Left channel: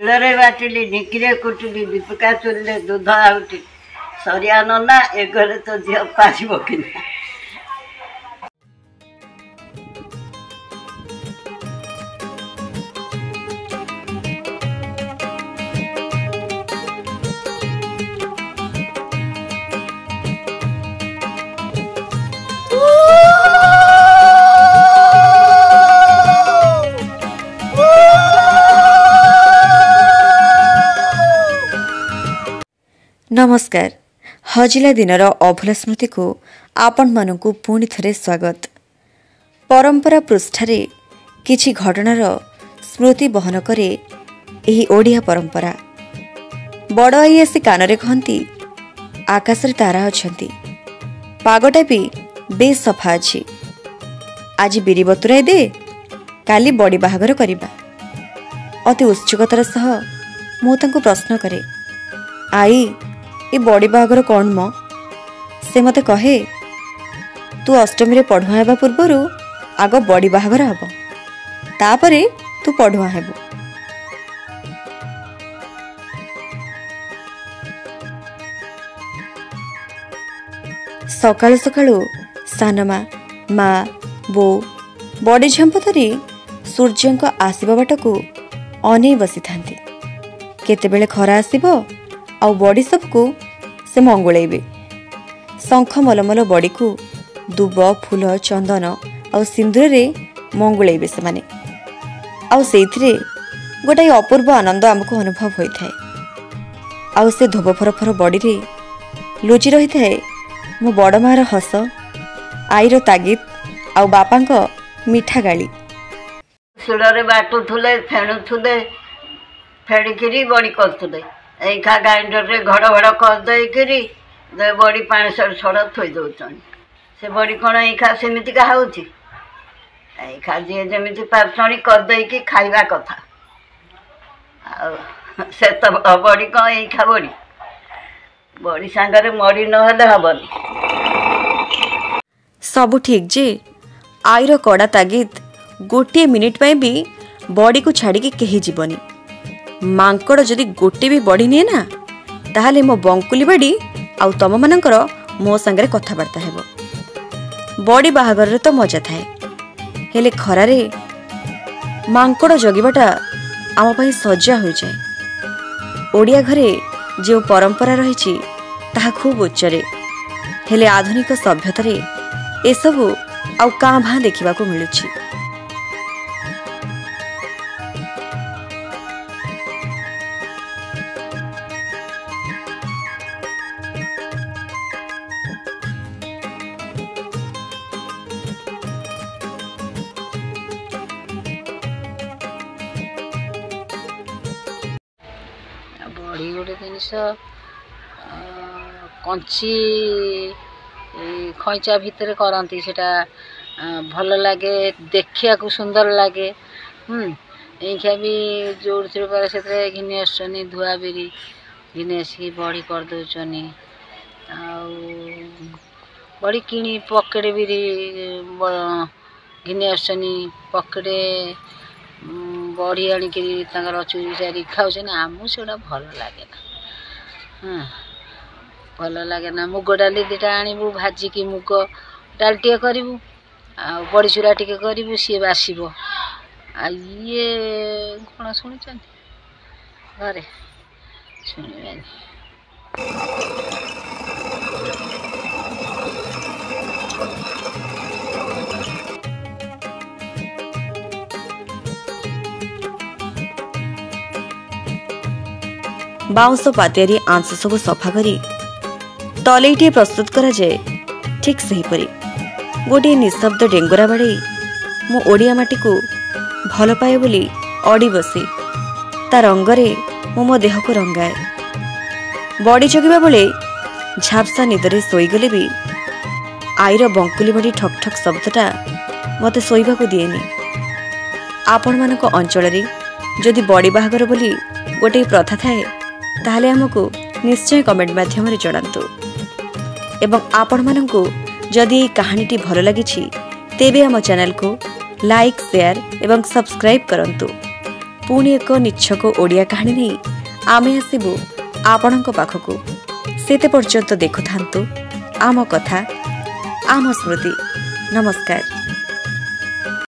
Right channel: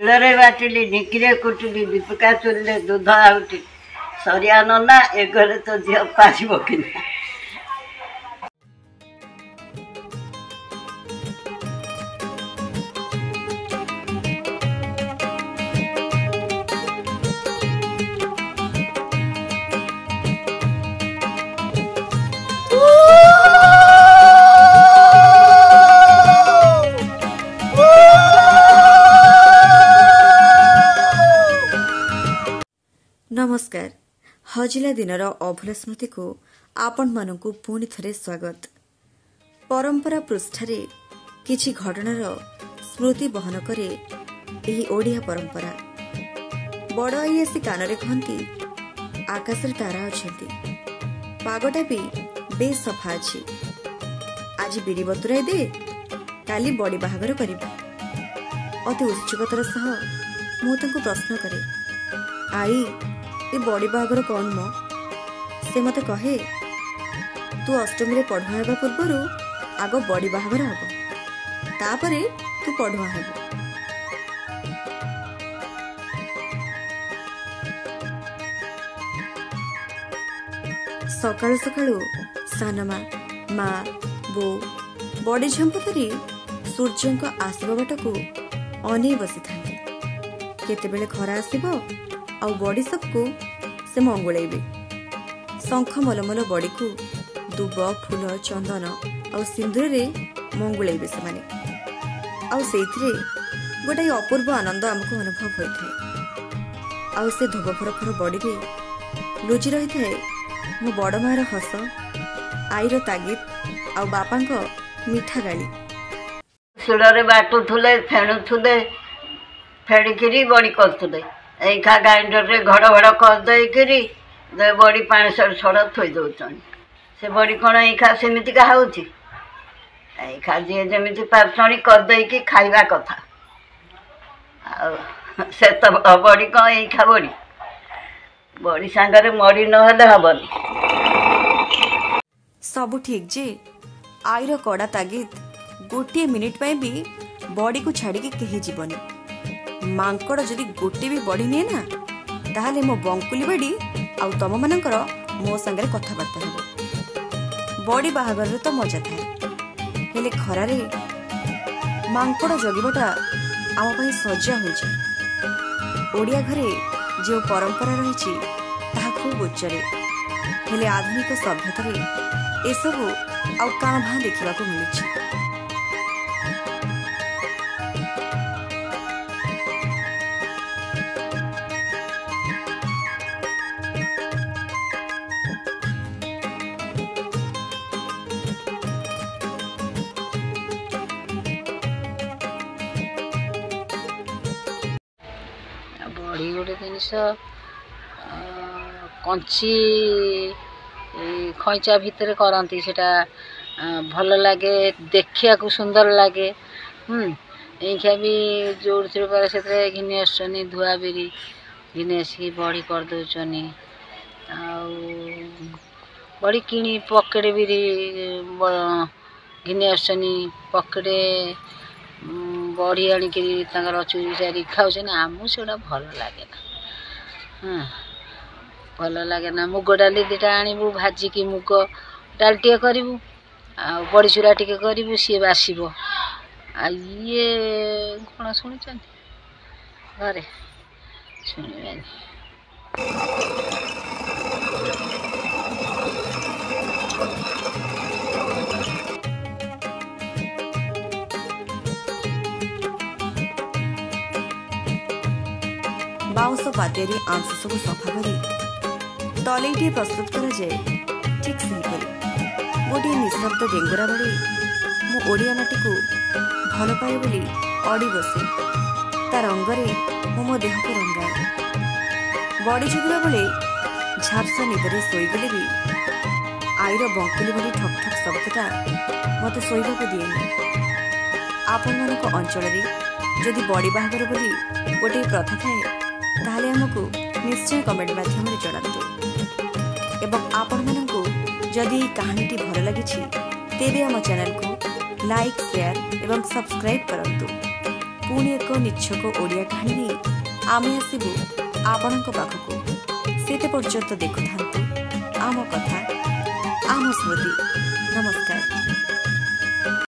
ଶିଳରେ ବାଟିଲି, ଢିଙ୍କିରେ କୁଟିଲି, ଦୀପିକା ଚୁଲିରେ ଦୁଧ ଆଉଟି, ସରିଆ ନନା ଏ ଘରେ ତ ଝିଅ ପାରିବ କି ନା। नमस्कार। हजिला दिनर अभूला स्मृति को आपण मानकु पुणी थरे स्वागत। परंपरा पृष्ठारे किछि घटनार स्मृति बहन करे एही ओडिया परंपरा। बड़ आई आसी कानरे कहती आकाशरे तारा अछंती, पागटा भी बेस सफा अछि, आज बिरी बतुराई दे, काली बड़ी बाहागर करिबा। अति उत्सुकतार सह मु तांको प्रश्न करे, आई ये बड़ी बाहागर कौन मो? से मते कहे, तू अष्टमी रे पढ़ुआ हेबा पूर्वरु आग बड़ी बाहागर हबो, तापरे तू पढ़ुआ हेबो। सकाळु सकाळु सानमा मा बो बड़ी झंप धरी सूर्यंक आसीबा बाटकू अनेई बसी थांती। केतेबेले खरा आसीबो आउ बड़ी सबको से मंगुलेबे। शंख मलमल बड़ी को दुब फूल चंदन आउ सिंदूर रे मंगुलेबे से माने। आउ सेइथिरे गोटाई अपूर्व आनंद आमको अनुभव होई थाए। आउ से धोब फरफर बड़ी रे लुचि रही थाए मो बड़ मार हस, आईर तागिद आउ बापांक मिठा गाली। ଶିଳରେ ବାଟୁଥିଲେ, ଫେଣୁଥିଲେ, ଫେଣିକିରି ବଡ଼ି କରୁଥିଲେ। ଏଇଖା ଗ୍ରାଇଣ୍ଡରରେ ଘଡ଼ ଘଡ଼ କରିଦେଇକିରି ବଡ଼ି ପାଣି ସଡ଼ ଥୋଇ ଦେଉଛନ୍ତି। ସେ ବଡ଼ି କ'ଣ ଏଇଖା ସେମିତିକା ହେଉଛି? ଏଇଖା ଯିଏ ଯେମିତି ପାରୁଛନ୍ତି କରିଦେଇକି ଖାଇବା କଥା। ଆଉ ସେ ତ ବଡ଼ି କ'ଣ ଏଇଖା ବଡ଼ି? ବଡ଼ି ସାଙ୍ଗରେ ମଡ଼ି ନହେଲେ ହବନି। सबु ठीक जे आईर कड़ा तागिद गोटे मिनिट पाई भी बड़ी को छाड़ी कहीं जीवनी। मांकड़ जदि गोटे भी बड़ी निए ना, ताहले मो बंकुली बाड़ी आउ तम मानकर मो संगे कथबार्ता हेबो। बड़ी बाहागर रे तो मजा थाए, हेले खरारे मांकड़ जगिबाटा आम पई सजा हो जाए। ओडिया घरे जो परंपरा रही ताहा खूब उच्चरे, हेले आधुनिक सभ्यतारे एसबु आउ कां भां देखा मिलुछि। बड़ी गोटे जिनस कंची खैचा भितर करती, सेटा भल लगे, देखिया को सुंदर लगे। एइखा भी जोड़ पर से घिनी आसनी धुआ बिरी घिनी आसिक बड़ी करदे। बड़ी किणी पकेट बिरी घिनी आसनी, पकेटे बड़ी आणिक चूरी चारी खाऊे ना। आमको से भल लगे ना। हाँ, भल लगे ना। मुग डाली दुटा आणबू, भाजिकी मुग डाल टे करूँ, बड़ी चूरा टे करूँ, सी बासब। ये कौन शुणी घरे शुणे बाउंस पातियारी आंश सब सफा करी तलईटे प्रस्तुत करा जाए। ठीक सेहीपरि गोटे निशब्द डेंगुरा बाड़े मो ओडिया माटी को भल पाए बोली अड़ी बसी ता रंगरे मो देह को रंगाए। बड़ी जगिबा बेले झापसा निदरे शोईगले भी आईर बंकुली बड़ी ठक ठक शब्दटा मते शोइबा को दिएनी। आपण मानक अंचल जदि बड़ी बाहागर बोली गोटे प्रथा थाए, ताहले हमको निश्चय कमेंट माध्यम जनातु। एवं आपण मानकु जदि कहानीटी भल लगी तेबे आम चैनल को लाइक, शेयर एवं सब्सक्राइब करंतु। पुणी एक निच्छक ओडिया कहानी नहीं आमे आसबु आपणक पाखकु सेते पर्यंत देखु थांतु आम कथा आम स्मृति। नमस्कार।